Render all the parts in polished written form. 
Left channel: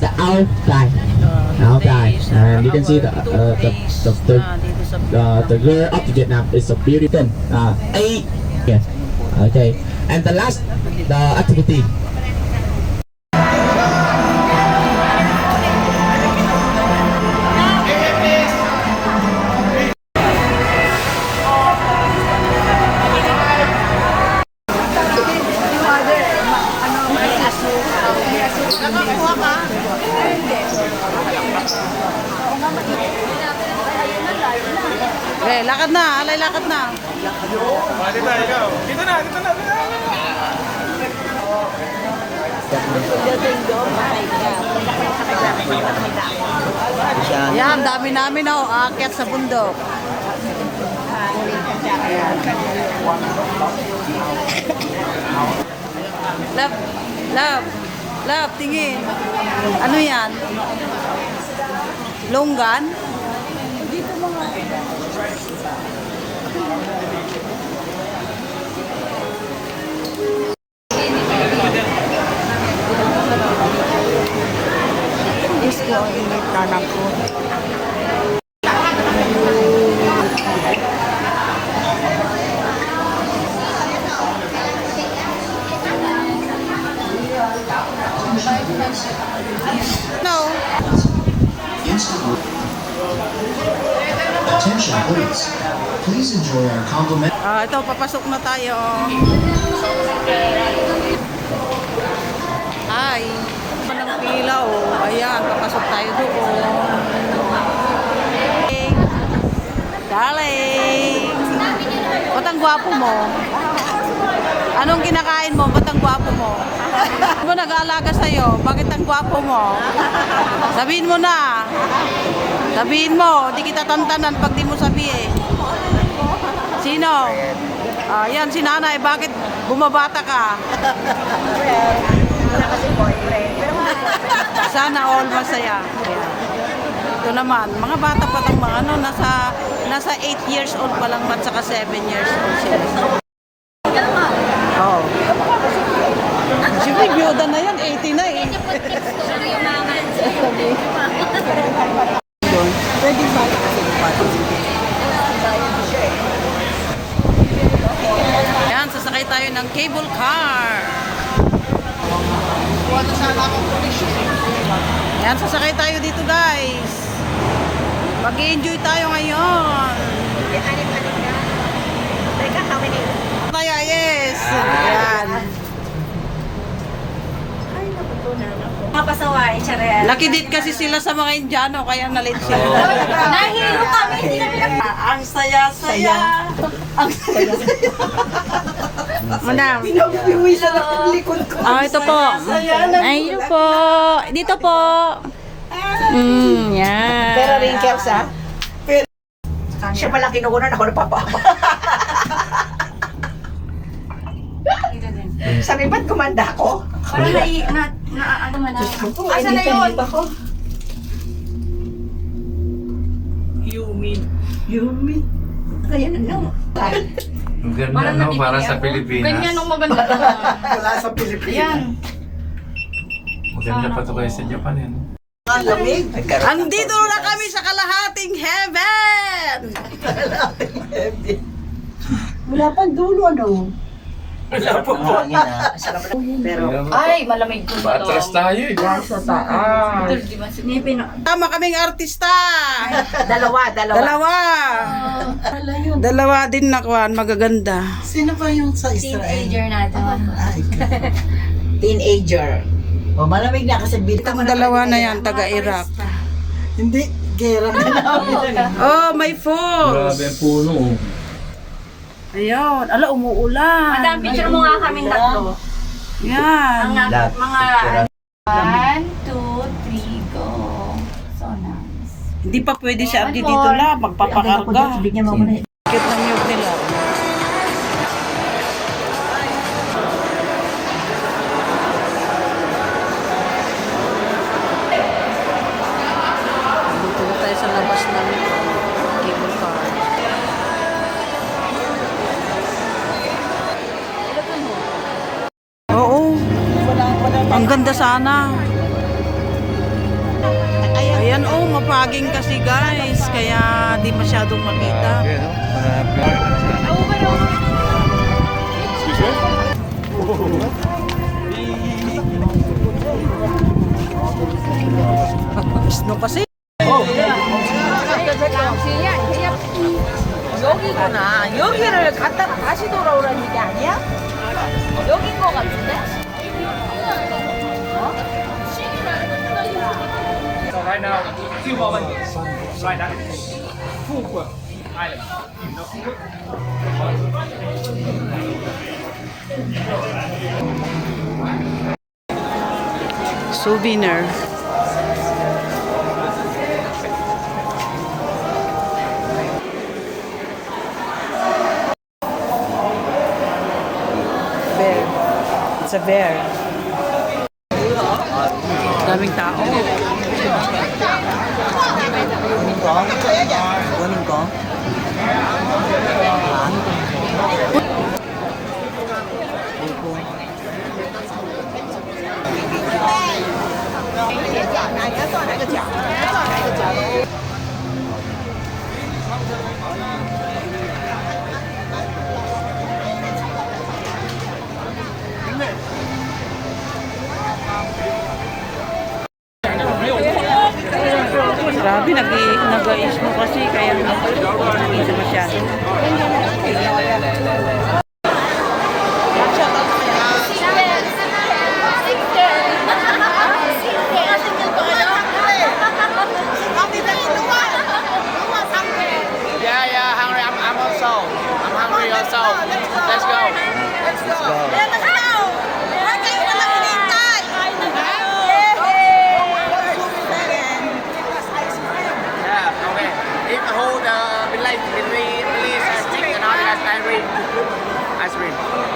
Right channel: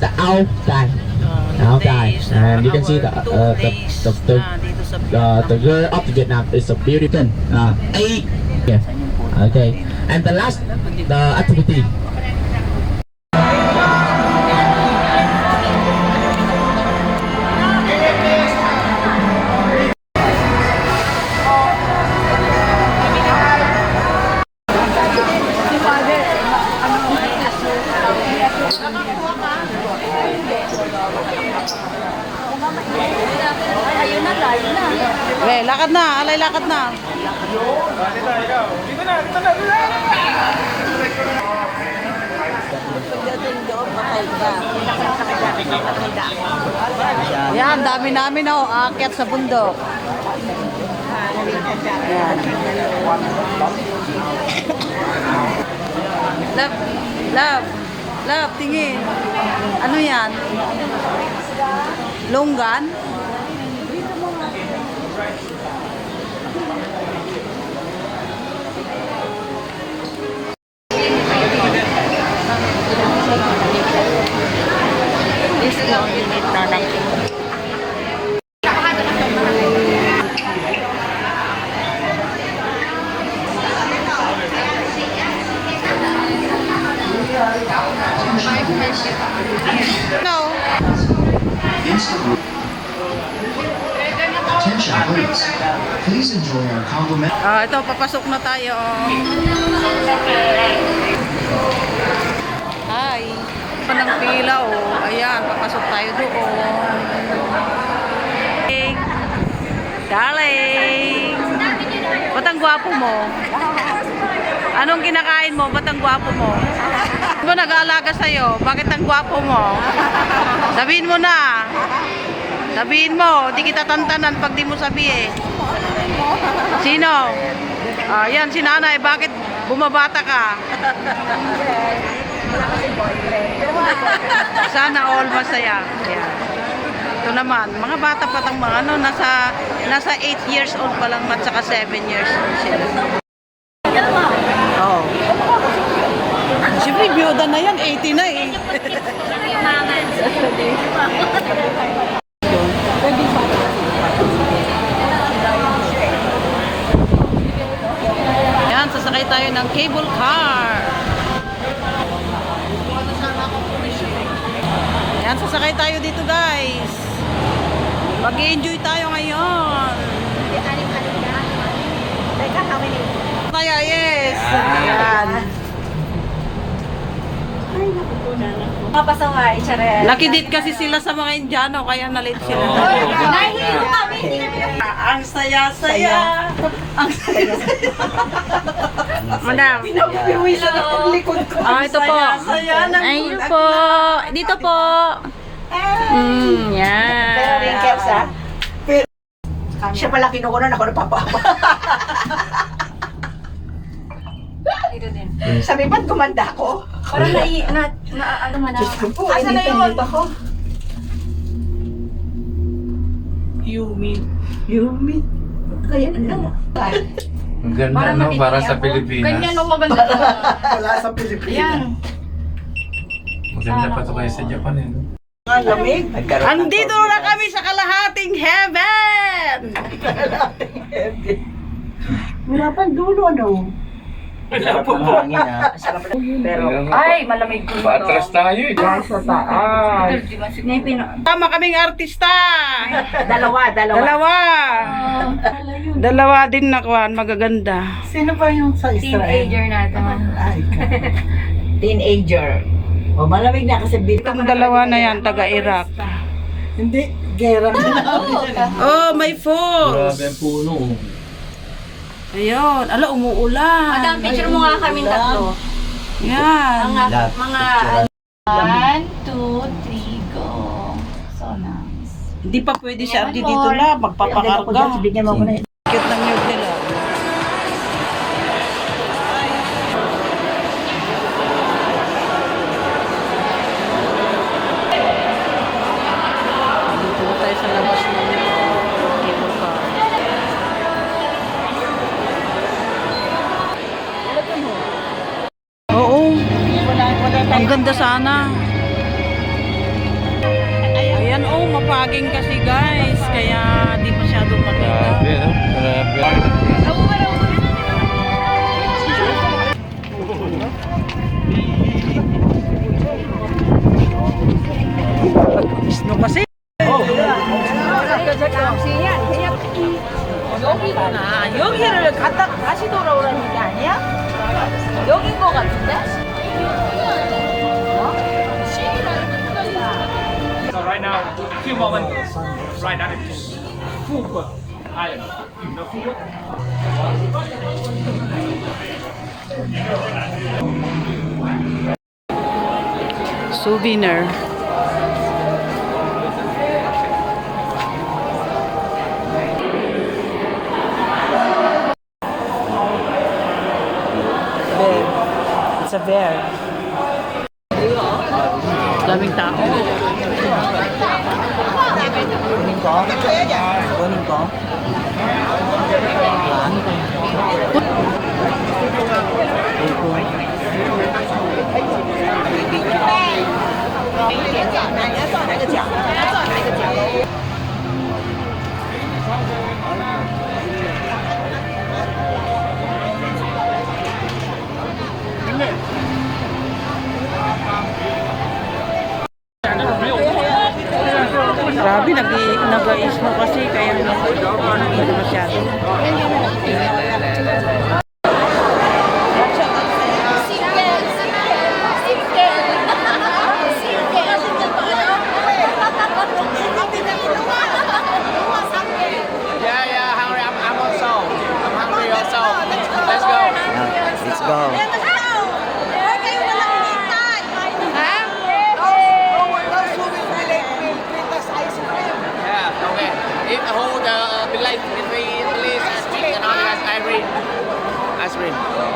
the outside. Outside. And you can see the girl of Vietnam is a beautiful. Eight. Yeah. Okay. And the last, the activity. Okay, lakad na, alay lakad na. Dito na. Ayan, dami namin aakyat sa bundok. Ayan. Love, tingin. Ano yan? Longgan? No. Attention please. Please enjoy our compliment. Ito, papasok na tayo. Hi. Panang pila, oh. Ayan, papasok tayo doon. Darling. Ba't ang gwapo mo? Anong kinakain mo? Ba't ang gwapo mo? Ano nag-aalaga sa'yo? Bakit ang gwapo mo? Sabihin mo na. Sabihin mo. Di kita tantanan pag di mo sabihin. Sino? Yan, si nanay. Bakit bumabata ka? Well, wala kasi boyfriend. Pero kung may boyfriend, Sana all masaya. Ayan. Ito naman, mga bata pa tang mga ano, nasa 8 years old pa lang at saka 7 years old sila. yan naman. Oo. Siyempre, biyuda na yan, 80 na eh. Yan, sasakay tayo ng cable car. Yan, sasakay tayo dito guys. Mag-enjoy tayo ngayon. Tayo, yes. Yan. Kapasaway, charel. Nakidit kasi sila sa mga Indiano, kaya nalit sila. Nahihilo kami, hindi namin Ang saya-saya. Ang saya-saya. Madam. napiwisan ako ng likod ko. Ito po. Ayun po. Dito po. Yan. Pero wrinkles ha? Siya pala kinukunan ako ng papa. Sabi ba't gumanda ako? Parang ano man ako. Asa na yun? Ako. Yumi. Kaya na. Ang ganda, no? Para sa Pilipinas. Ganyan ang maganda. Wala sa Pilipinas. Maganda pa ito kayo sa Japan, eh. No? Ang lamig. Andito na kami sa kalahating heaven. Wala pang dulo ano? Wala pa po. Pero Ay, malamig po Paatras tayo, eh. sa taas. Tama kaming artista. Dalawa. Dalawa din nakuan, magaganda. Sino ba yung sa Teenager natin. Teenager. O malamig na kasi Itong dalawa na yan, taga-Iraq. Hindi, gera na Oh, may falls. Grabe ang puno. Ayun, ala, umuulan. Madam, picture mo nga kami tatlo. Yan. Mga 1, 2, 3, go. So nice. Hindi pa pwede si Ardi dito la, magpapakarga. Bigyan mo muna. Cute ng yug nila. Dito na tayo sa labas ng cable car. Oo. Ang ganda sana. saging kasi guys, kaya di masyadong makita. Snow kasi. 여기구나. 여기를 갔다 다시 돌아오라는 게 아니야? 여긴 거 같은데? So right now, few moments, right now, full island. Souvenir. Bear. It's a bear. Daming tao. Grabe, nag-isno kasi kaya hindi siya masyado.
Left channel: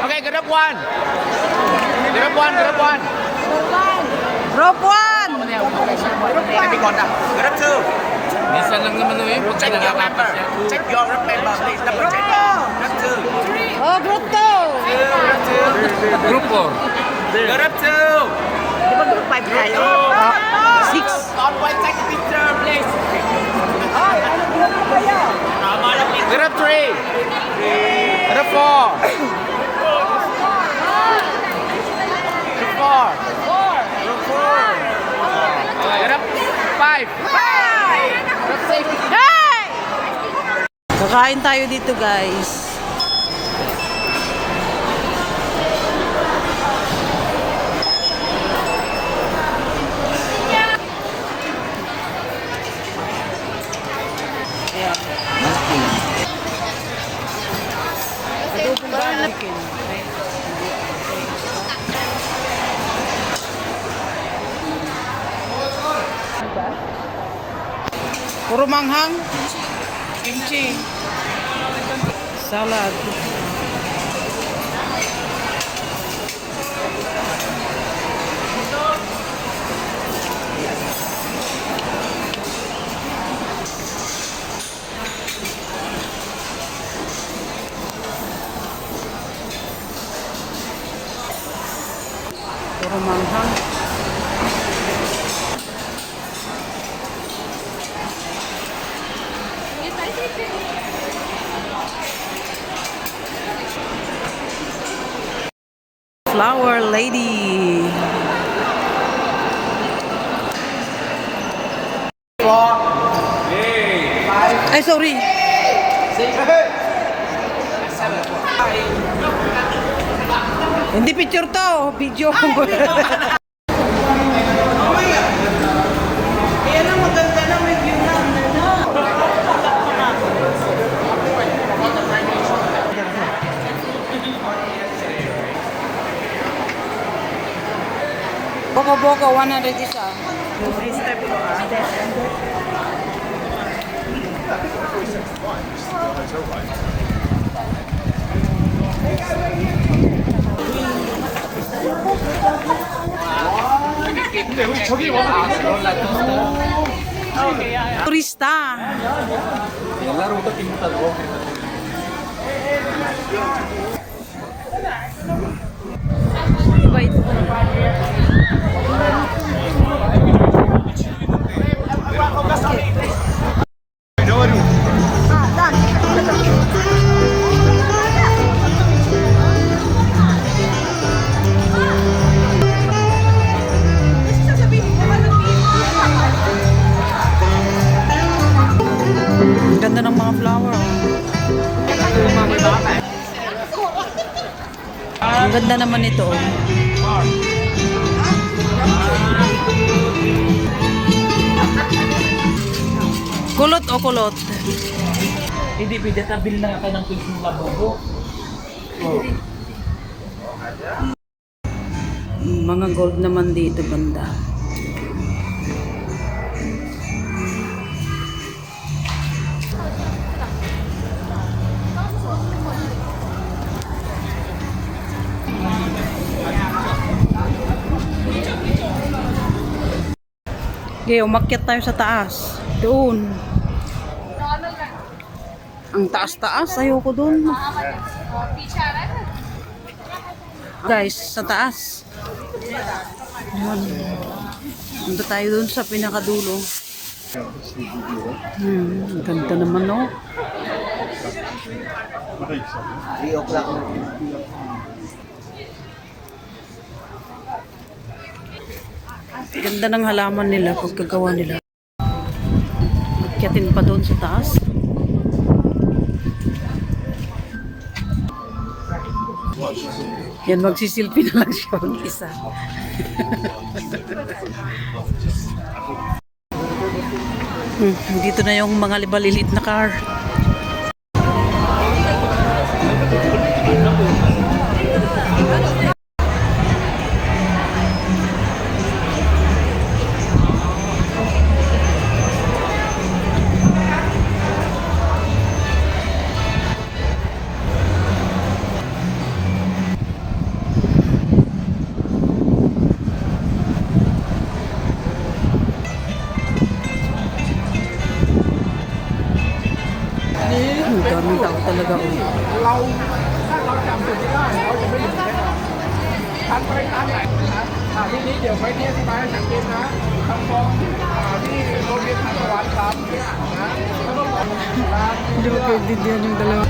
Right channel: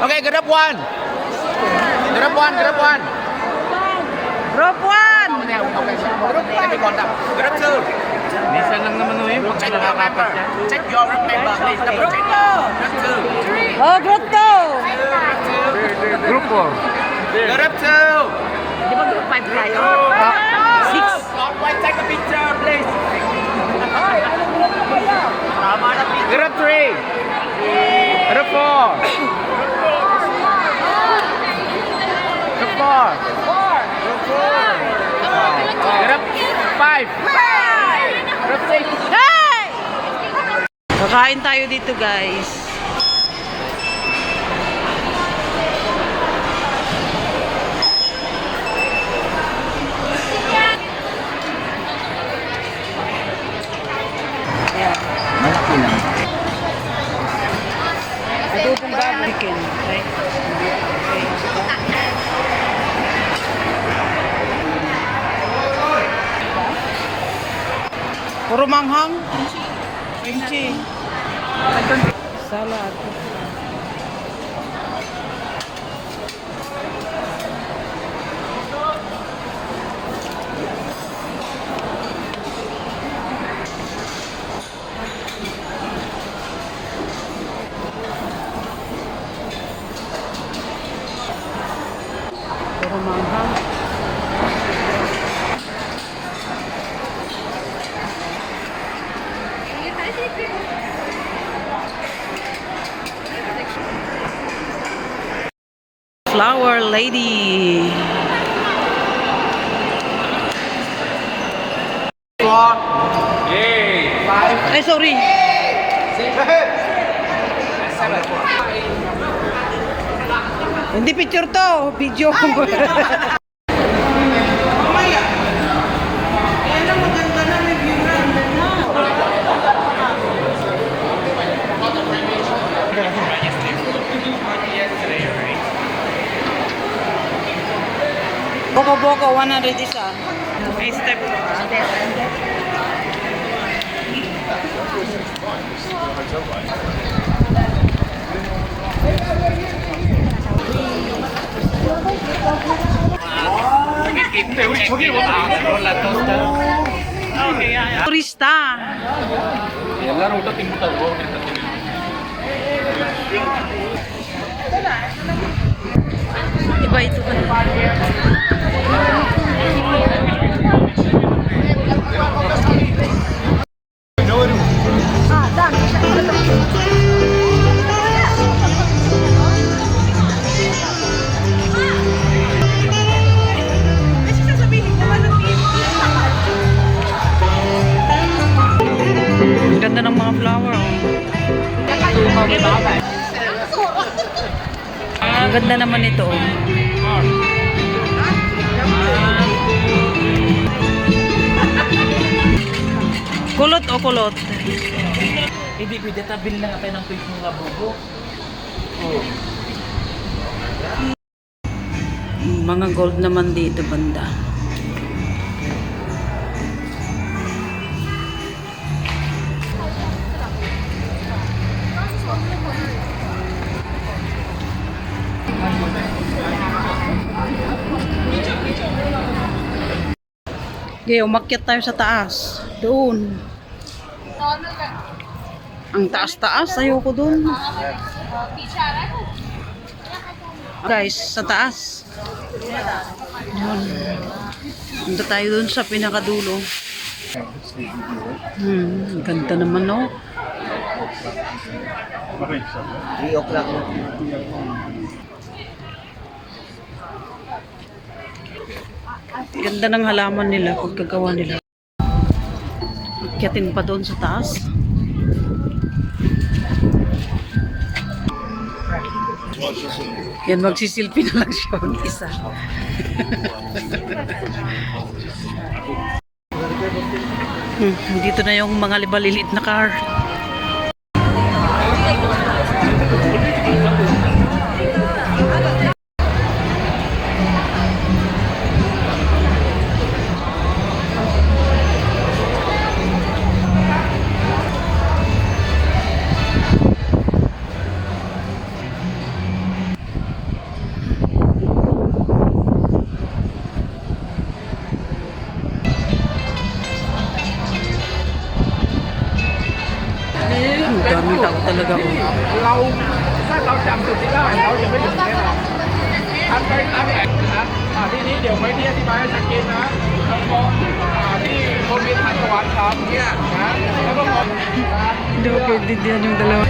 Okay, grab one. Grab one, grab one. Rope 1! Grab two. Minsan lang naman o yun. Check your member. Check your member, please. Double check. Grab two. Oh, group 2! Grab two. Group 4. Grab two. Di ba group 5 tayo? 6. Not wait, take a picture, please. Ay, anong group mo kayo? Grab three. Grab four. Grab five. Grab six. Hey! Kakain tayo dito guys. Adobong baboy chicken. Right? Puro manghang. Kimchi. Salad. Puro manghang. Flower lady. Ay, sorry. Hindi picture to, video. Boko-boko, 100 isa. May step. Turista. Iba ito ka na. ganda naman ito. Oh. Kulot o kulot? Hindi, pwede tabil na nga tayo ng tuwing mga bobo. Oh. Mga gold naman dito banda. Okay, umakyat tayo sa taas. Doon. Ang taas-taas. Ayoko doon. Guys, sa taas. Yun. Punta tayo doon sa pinakadulo. Ganda naman, no? Ganda ng halaman nila, pagkagawa nila. Akyatin pa doon sa taas. Yan, magsisilpi na lang siya mag-isa. Dito na yung mga libaliliit na car. Ang daming tao talaga. Oh. เราถ้าเราจำจุดที่ได้เราจะไม่หยุดเล่นทันใช้ตามแหล่งนะทีนี้เดี๋ยวไว้ที่อธิบายให้ชัดเจนนะมองที่โรงเรียนทานตะวันครับเนี่ยนะแล้วก็มอง Hindi ko kaintindihan yung dalawa.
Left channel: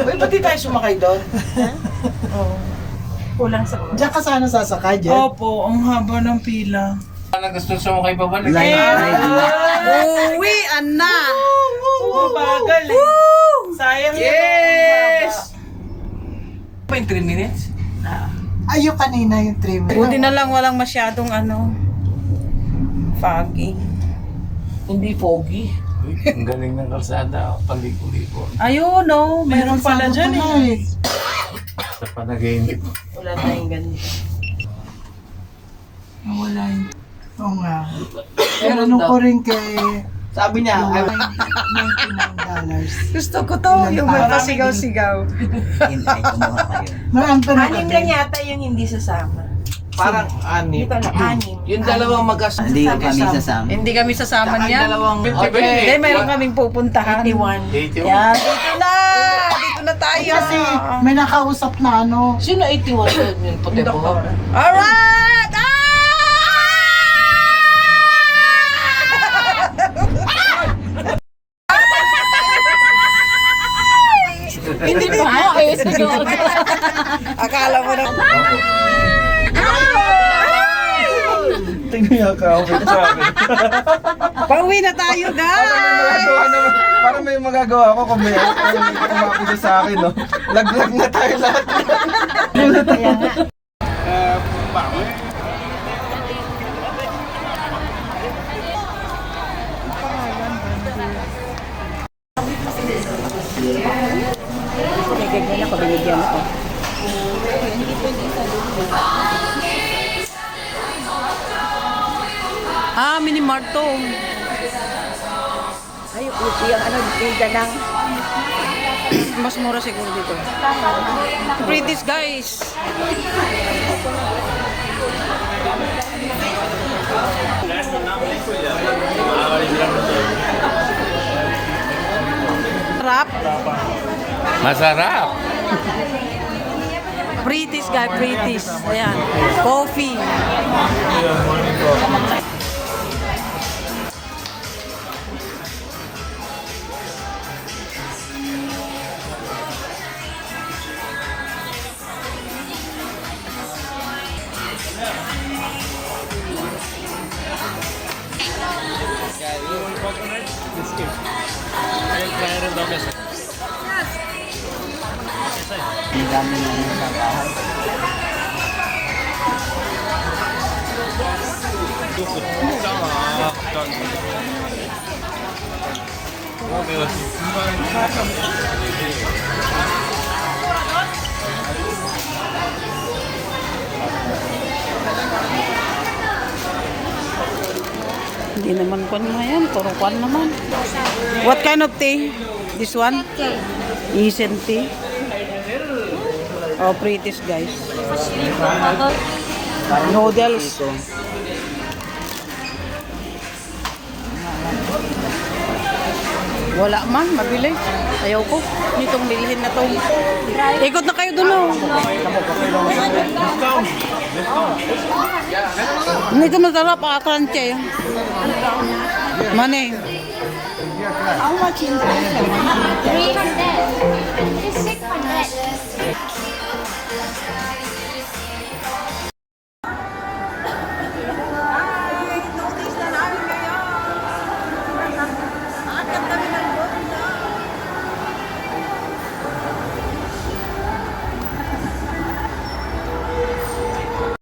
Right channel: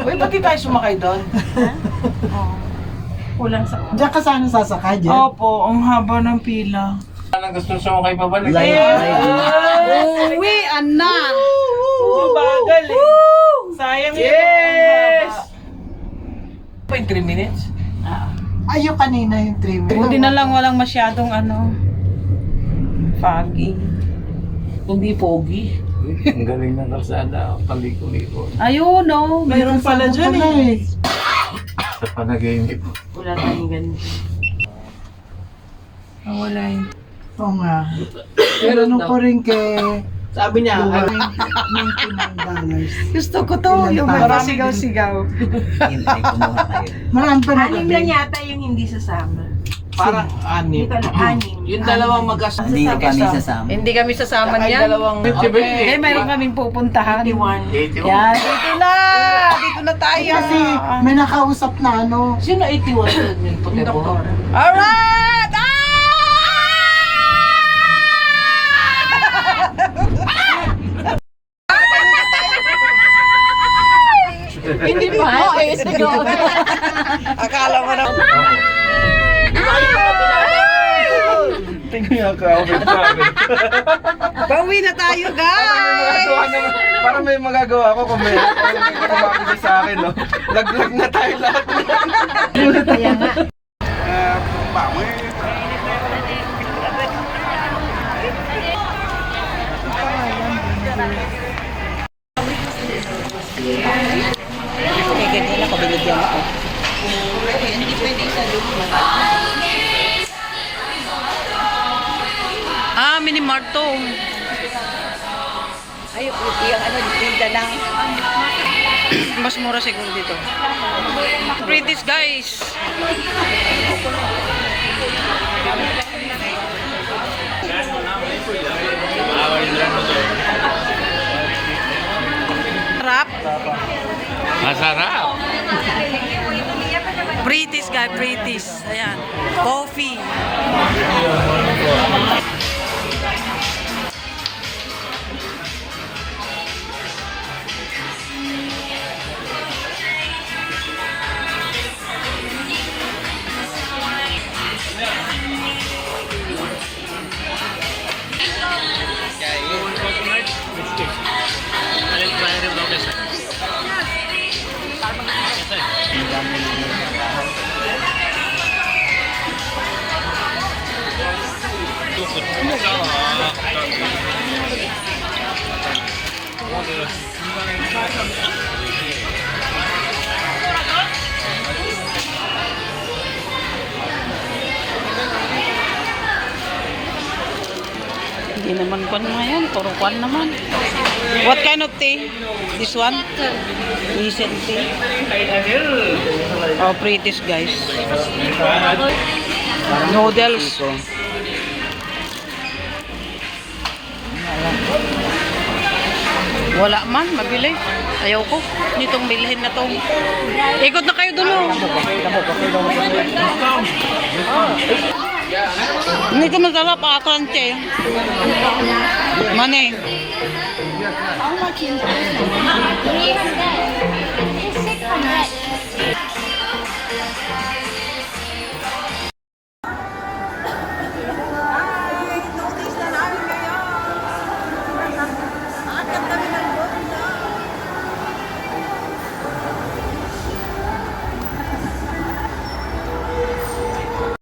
Uy, pati tayo sumakay doon. Kulang sa... Diyan ka sana sasakay, Jen. Opo, ang haba ng pila. Anong gusto sumakay pa ba? Uwi, anak! Bagal eh. Sayang Yes! Pa yung 3 minutes? Ayun kanina yung 3 minutes. Buti na lang walang masyadong ano. Foggy. Hindi pogi. Ang galing ng kalsada, paliko-liko. Ayun, no. Mayroon pala dyan eh. Sa panaginip. Wala tayong ganito. Nawala yun. Oo nga. Pero nung ko rin kay... Sabi niya, $99. Gusto ko to, yung may pasigaw-sigaw. Marami pa na anim lang yata yung hindi sasama. Parang anim. Dito lang, anim. Yung dalawang Hindi kami sasama. Hindi kami sasama niyan. Hindi, mayroon kaming pupuntahan. 81. Yan, dito na! Dito na tayo! Kasi may nakausap na ano. Sino 81 yun? Puti ko. Alright! Hindi pa, eh, sige. Akala mo na. Tingnan ka, okay sa akin. Pauwi na tayo, guys! Para may magagawa ako kung may kumapili sa akin, no? Laglag na tayo lahat. Mini Mart to. Ay, yung ano, yung dalang. Mas mura siguro dito. British, guys. Sarap. Masarap! British, guys. British. Ayan. Coffee. Hindi naman kwan mga yan. Puro kwan naman. What kind of tea? This one? Asian tea. Oh, pretty guys. Noodles. Wala man, mabili. Ayaw ko. Nitong bilhin na to. Ikot na kayo dulo. Hindi ko masarap, crunchy. Money. How much in $300. It's $600.